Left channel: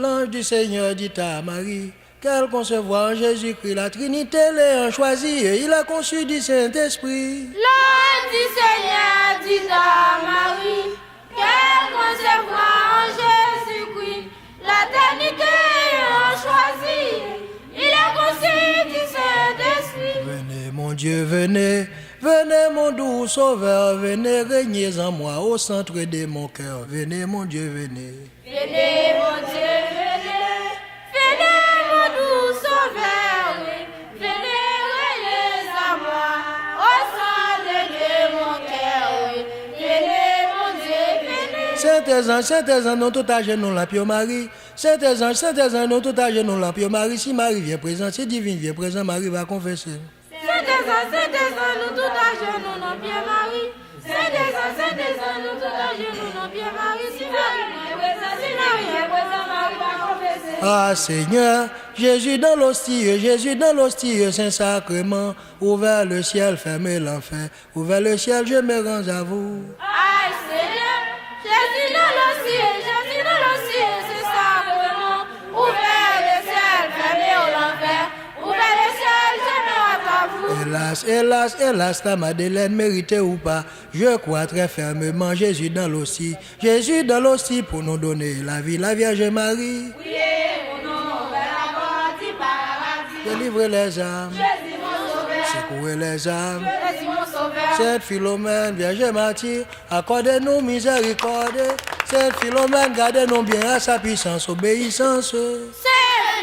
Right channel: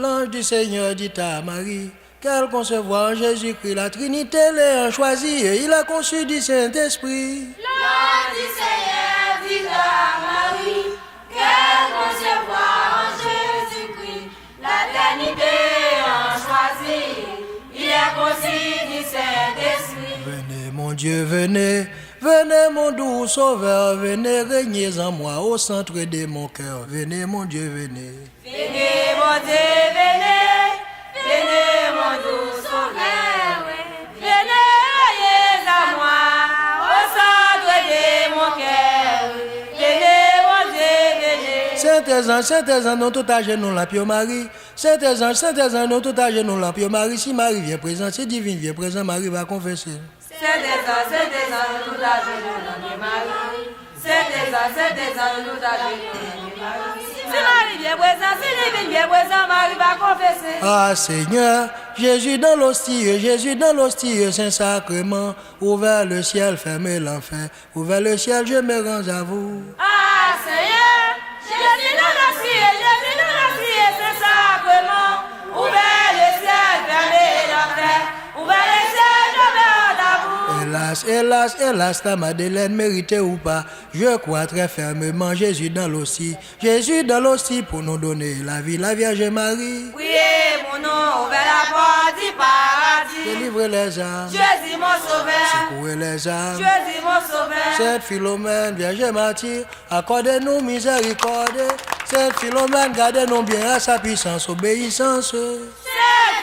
L'ange du Seigneur dit à Marie qu'elle concevoir en Jésus-Christ la Trinité l'ayant choisi et il a conçu du Saint-Esprit. L'ange du Seigneur dit à Marie qu'elle concevoir en Jésus-Christ la Trinité l'ayant choisi, il a conçu du Saint-Esprit. Venez mon Dieu, venez, venez mon doux sauveur, venez régner en moi au centre de mon cœur. Venez mon Dieu, venez. Venez mon Dieu, venez, venez mon doux sauveur, venez régner en moi au centre de mon cœur. Venez mon Dieu, venez. Saint-Ange, non tout à genoux la Pio Marie. Saint-Ange, non tout à genoux la Pio Marie. Si Marie vient présent, si divine vient présent, Marie va confesser. Saint-Ange, nous t'allons, nous Marie. Saint-Ange, nous t'allons, Marie. Si Marie vient présent, si divine vient présent, Marie va confesser. Ah Seigneur, Jésus dans l'hostie, Saint-Sacrement, ouvert le ciel, fermez l'enfer, ouvert le ciel, je me rends à vous. Ah Seigneur, Jésus dans l'hostie, Saint-Sacrement, ouvert le ciel, fermez l'enfer, ouvert le ciel, je me rends à vous. Hélas, ta Madeleine, méritée ou pas, je crois très fermement Jésus dans l'hostie pour nous donner la vie, la Vierge Marie. Priez mon nom, ouvert la porte du paradis. Délivrer les âmes, Jésus mon sauveur, secouer les âmes. Jésus mon sauveur. Sainte Philomène, Vierge martyre, accordez-nous miséricorde. Sainte Philomène, gardez-nous bien à sa puissance, obéissance. Sainte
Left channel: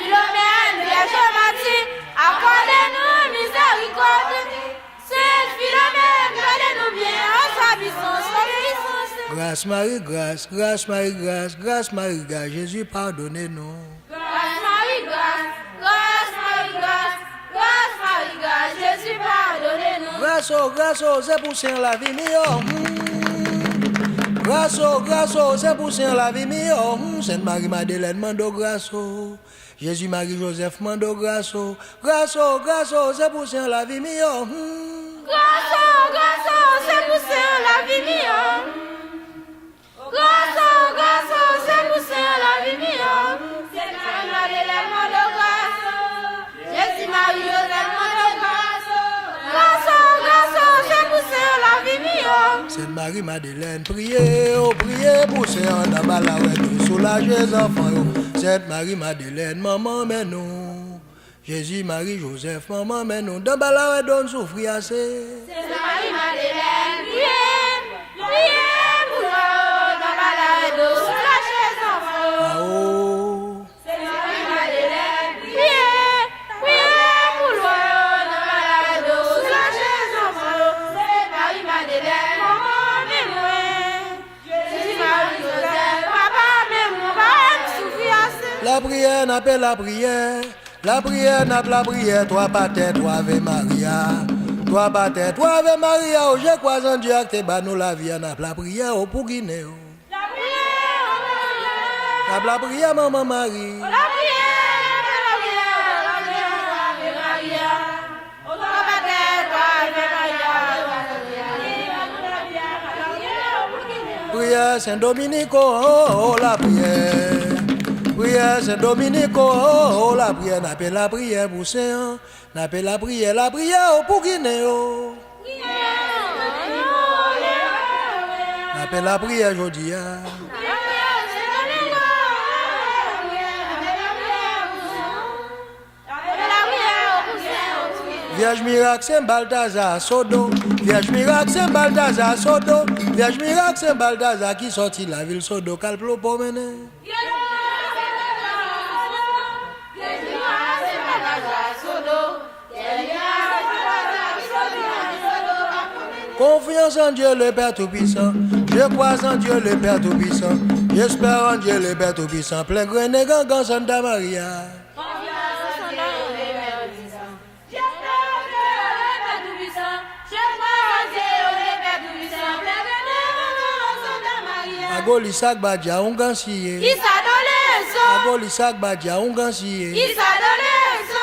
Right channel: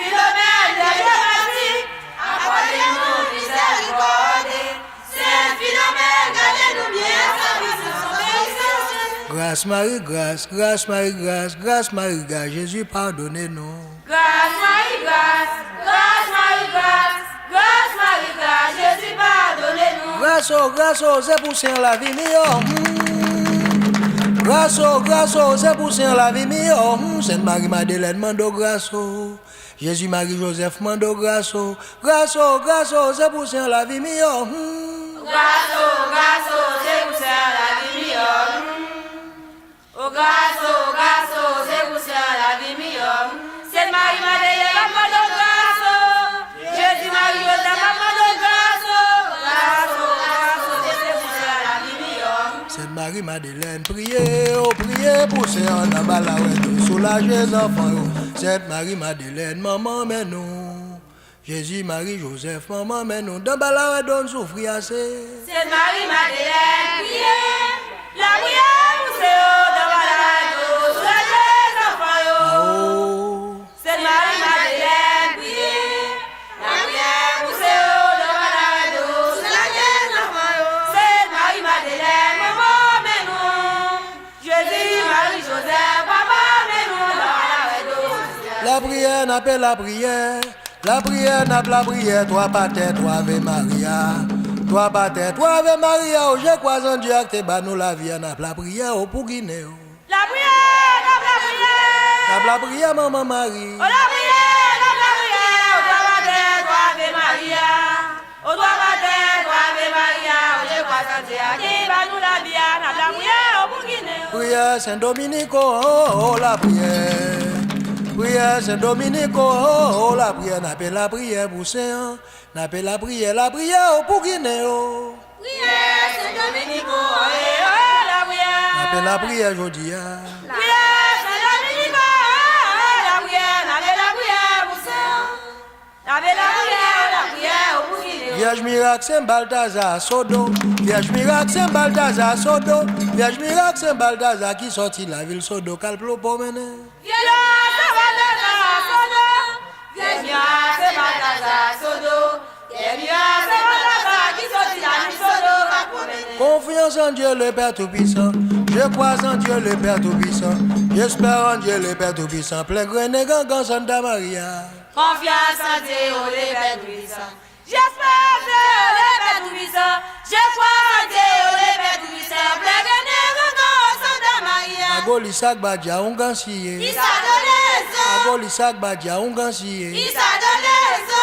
Philomène, Vierge martyre, accordez-nous miséricorde. Sainte Philomène, gardez-nous bien à sa puissance, obéissance. Grâce Marie, grâce Marie, grâce Marie, grâce Jésus, pardonnez-nous. Grâce Marie, grâce Marie, grâce Marie, grâce Jésus, pardonnez-nous. Grâce, c'est pour Saint la vie meilleure. Grâce, c'est pour Saint la vie meilleure. Sainte Marie Madeleine, mando grâce. Jésus Marie Joseph, mando grâce. Grâce, c'est pour Saint la vie meilleure. Grâce, c'est pour Saint la vie meilleure. Grâce, c'est pour Saint la vie meilleure. Sainte Marie Madeleine, mando grâce. Jésus Marie Joseph, mando grâce. Grâce, c'est pour Saint la vie meilleure. Sainte Marie Madeleine, priez pour Saint Nabalouette, soulagez les enfants. Sainte Marie Madeleine, maman, mais nous. Jésus, Marie, Joseph, maman, mais nous. Dans Balouette, donne souffrir assez. Sainte Marie Madeleine, priez, la prière pour Saint Nabalouette, soulagez les enfants. Ah oh. Sainte Marie Madeleine, priez pour Saint Nabalouette, soulagez les enfants. Sainte Marie Madeleine, maman, mais nous. Jésus, Marie, Joseph, maman, mais nous. La prière n'appelle la prière. La prière n'a pas la prière. Toi, Pater, toi, Ave Maria. Toi, Pater, toi, Ave Maria. Oh, je crois en Dieu que t'es bas nous la vie. N'a pas la prière oh, pour Guinée. Oh. La prière, la prière. N'a pas la prière, maman Marie. Oh, la prière, la prière. Oh, toi, Pater, toi, Ave Maria. Oh, toi, Pater, toi, Ave Maria. Je crois en Dieu qui bat nous la vie. N'a pas la prière oh, pour Guinée. Prière Saint-Dominique, oh, la prière. Prière Saint-Dominique, oh, la prière. N'appelle la prière pour Saint. N'appelle la prière oh, pour Guinée. Oh. Prière Saint-Dominique, oh, la prière. N'appelle la prière aujourd'hui. Prière Saint-Dominique, oh, la prière. N'appelle la prière pour Saint. N'appelle la prière pour Guinée. Vierge miracle Saint Balthazar Sodo. Vierge miracle Saint Balthazar Sodo. Vierge miracle Saint Balthazar qui sortit la ville Sodo. Calplo pour mener. Confiance en Dieu le Père Tout-Puissant. Je crois en Dieu le Père Tout-Puissant. J'espère en Dieu le Père Tout-Puissant. Plein grené gangan Santa Maria. Confiance en Dieu le Père Tout-Puissant. J'espère en Dieu le Père Tout-Puissant. Je crois en Dieu le Père Tout-Puissant. Plein grené gangan Santa Maria. Agoli sak badia ungansiye. Il s'a donné son. Agoli sak badia ungansiye. Il s'a donné son.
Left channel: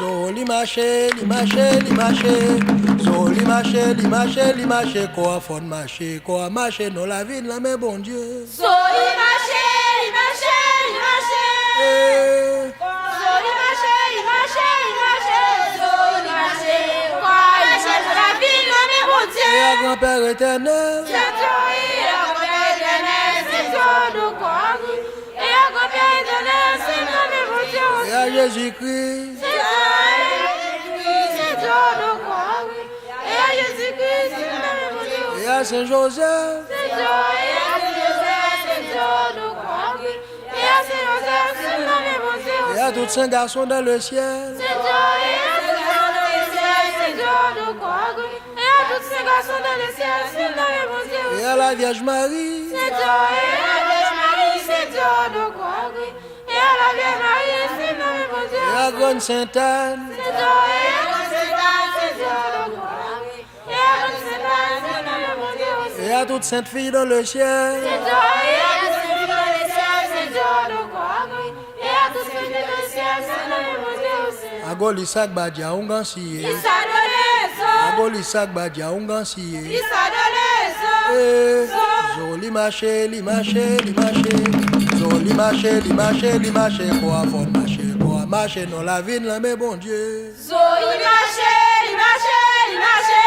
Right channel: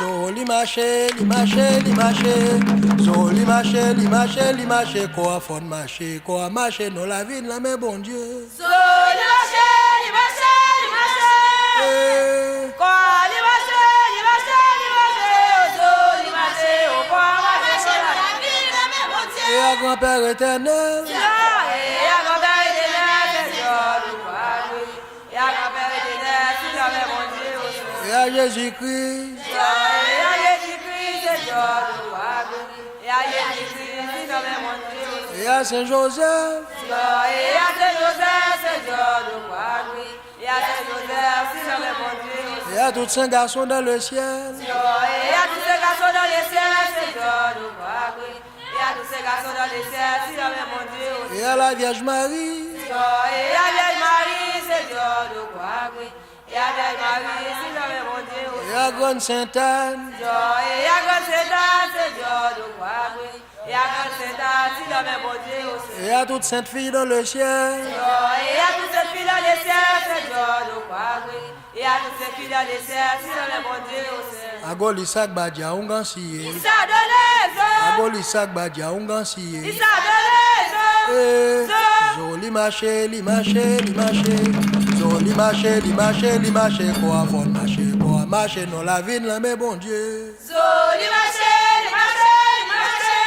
Zo limache, limache, limache. Zo limache, limache, limache. Quoi fond marché, quoi marché. Non la vie de la mais bon Dieu. So limache, limache, limache. grand-père éternel. Et à Jésus-Christ. Et à Saint-Joseph. Et à tous saints garçons dans le ciel. Et à la Vierge Marie. Et à Grande Sainte-Anne. Et à toutes saintes filles dans le ciel. Agolisak Badia Ungansiye. Agolisak Badia Ungansiye. Zoli marché, li marché, li marché. Zoli marché, li marché, li marché. Quoi fond marché, quoi marché dans la vie là, mais bon Dieu. Zoli marché, li marché, li marché.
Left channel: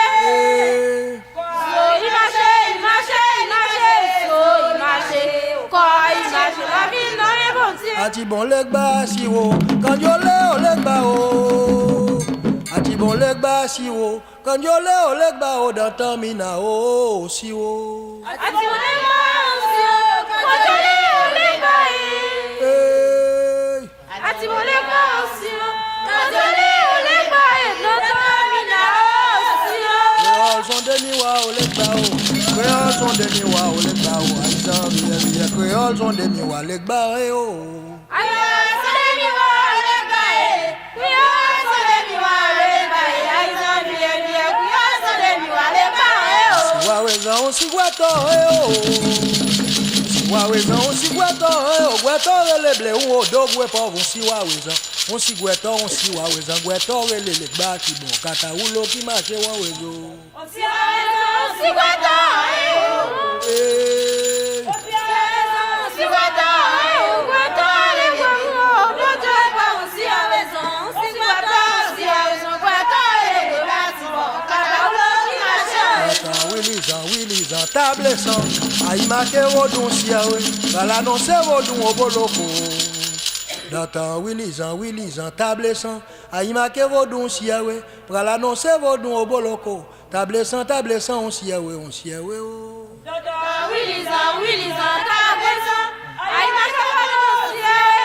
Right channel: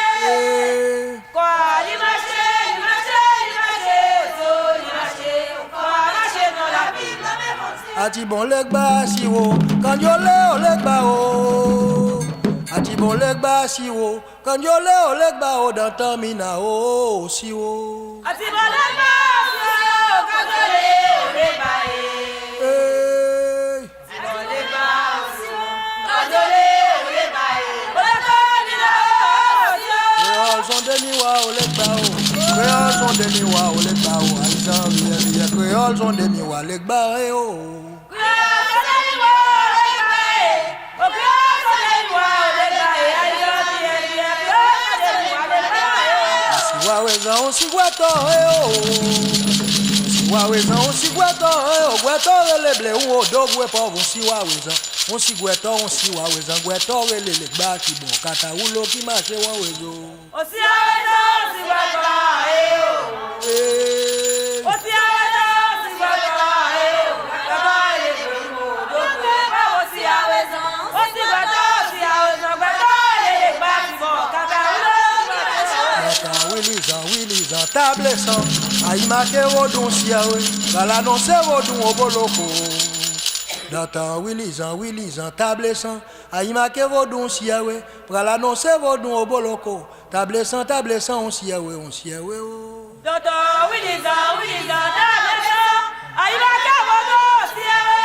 Quoi li marché, li marché, li marché. Zoli marché, quoi marché dans la vie là, mais bon Dieu. Ati bon legba siwo, kanjole o legba o. Ati bon legba siwo, kanjole o legba o dans tamina o siwo. Ati bon legba siwo, kanjole o legba e. Ati bon legba siwo, kanjole o legba e. Dans tamina o siwo. Créoles sont des miroirs au legba o. Créoles sont des miroirs au legba o. Aïsan vieux, créoles sont des miroirs legba e o. Waweza onsigwato Waweza onsigwato Gwato leble un odogwe pauvre si waweza onsigwato waweza gwato lele gba ki bon kata ulo ki ma se wawezo Osi waweza onsigwato Osi waweza onsigwato Gwato lele odogwe pauvre si waweza onsigwato gwato lele gba ki bon kata ulo ki ma se Willizan, table sans, aïe marqué vodun siawe, bala non se vodun oboloko. Datan Willizan, table sans, aïe marqué vodun siawe, bala non se vodun oboloko. Table sans, on siawe o. Datan Willizan, table sans, aïe marqué vodun siawe,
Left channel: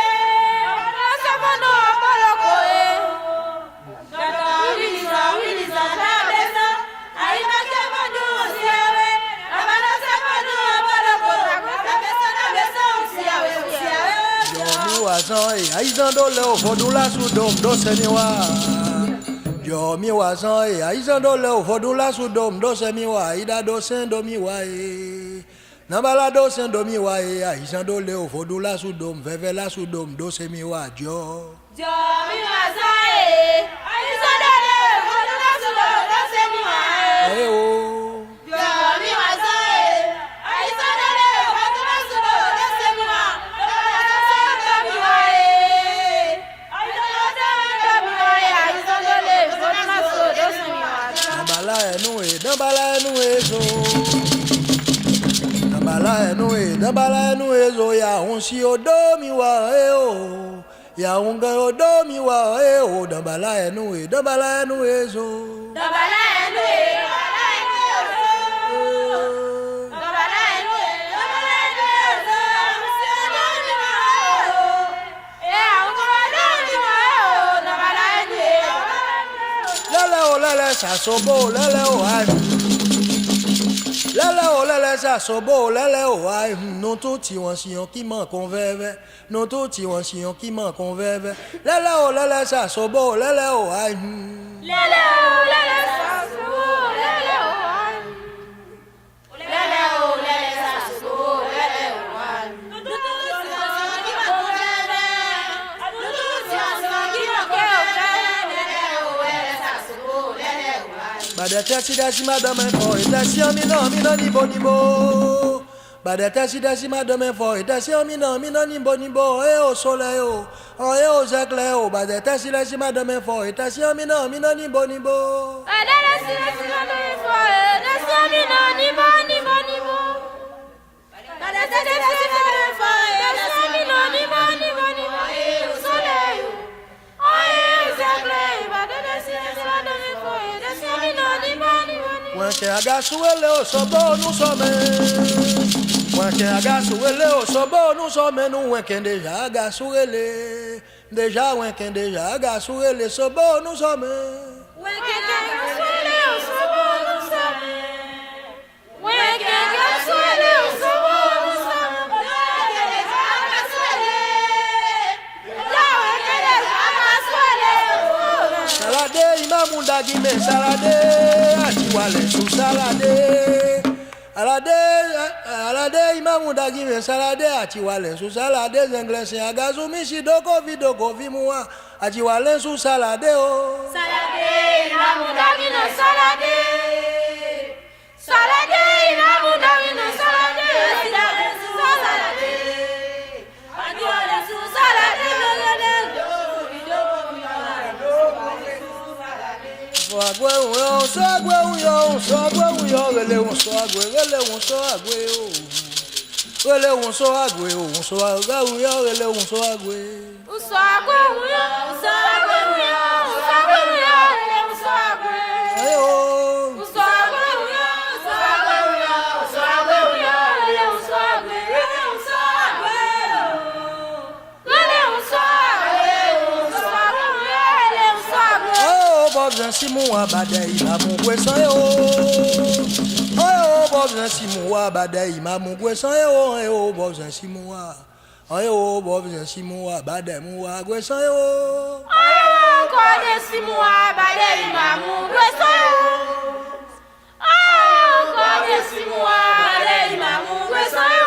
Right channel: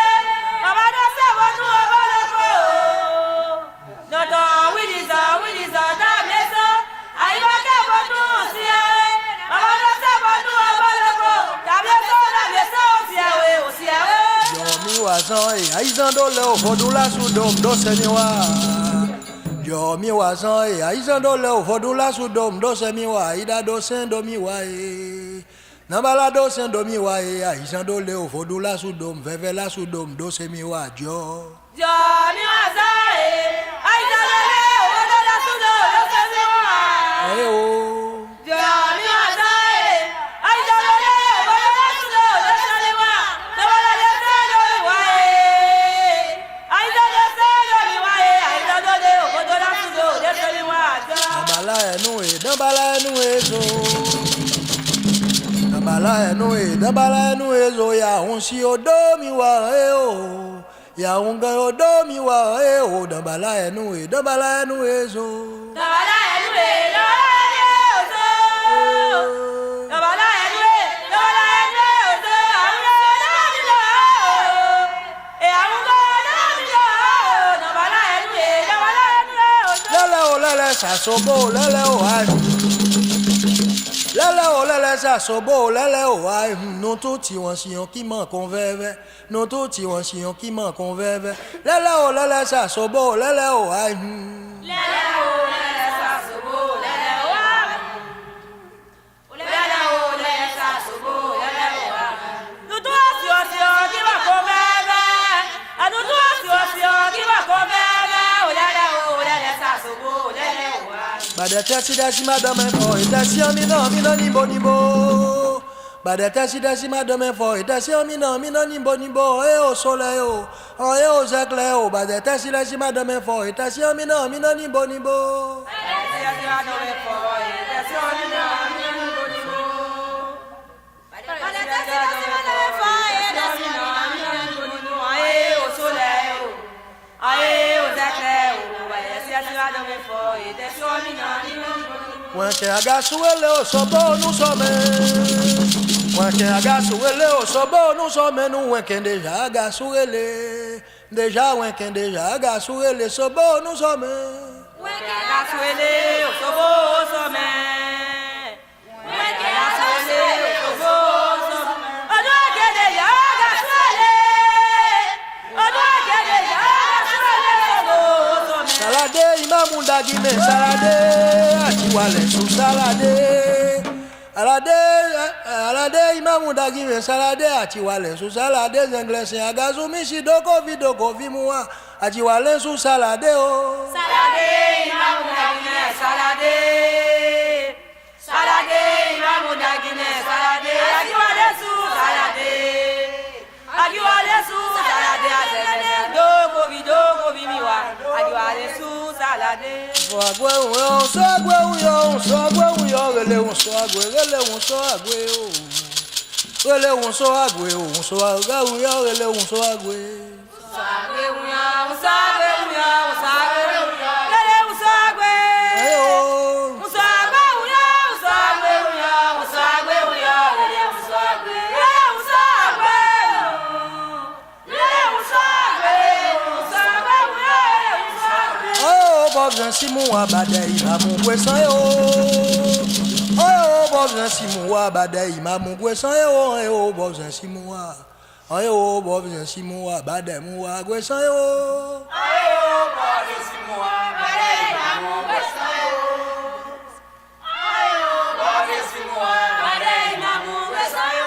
bala non se vodun oboloko. Datan Willizan, table sans, aïe marqué vodun siawe. Wazan e aizan dole o vodun la sudom do semiwa. Jo mi wazan e aizan dole o vodun la sudom do semiwa. Ida do sen do miwa e. Nambala do sen do miwa e aizan dole o vodun la sudom veve la sudom do semiwa jo. Jo mi wazan e aizan dole o vodun la sudom do semiwa. Ae o. Dambala enu ezo ya onsi odomi wa o ya unga odomi wa o dambala enu ezo Dambala enu ezo lele sa sobo lele o ai lele sa sobo lele o ai non tout ti won siyon ki man kon veve non tout ti won siyon ki man kon veve lele sa sobo lele o ai lele sa sobo lele o ai lele sa sobo lele o ai non tout ti won siyon ki man kon veve non tout ti won siyon ki man kon veve lele sa sobo lele o ai Badete si dasi madame fo itasi amina ni bonibo. Badete si dasi madame fo itasi amina ni bonibo. E o soleil o, e o éclair o. Badete si dasi madame fo itasi amina ni bonibo. Badete si dasi madame fo itasi amina que haga suele o sobo nous sommes. Moi que haga suele o sobo nous sommes nous que déjà haga suele. Déjà ouais que déjà haga suele sobo nous sommes. Salade imamunda gime salade atiwale sou salade alade imamunda gime salade atiwale sou salade zenglese agazu mishi doko vi muwa atiwale sou salade o salade imamunda gime salade imamunda gime salade atiwale sou salade agwe un so agwe yo rele un so agwe o rele un so agwe o un so agwe yo rele un so agwe Bob Simon abade imamu gwesan yo. Oh Bob Simon abade imamu gwesan yo. Oh Bob Simon wa. Oh Bob Simon abade mu wa gwesan yo. Oh Bob Simon abade imamu gwesan yo. Oh Bob Simon abade imamu gwesan yo.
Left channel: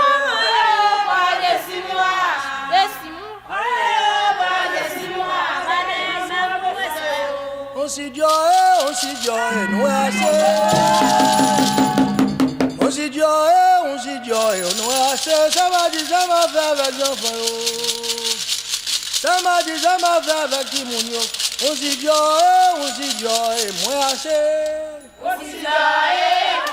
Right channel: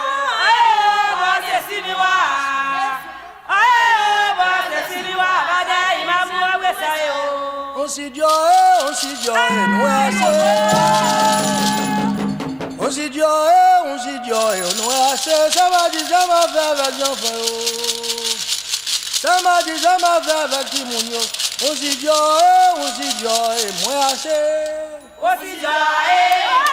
On si joie, nous assez. On si joie, nous assez. Ça m'a dit, ça m'a fait avec les enfants. Ça m'a dit, ça m'a fait avec Timounio. On si joie, moi assez. On si joie.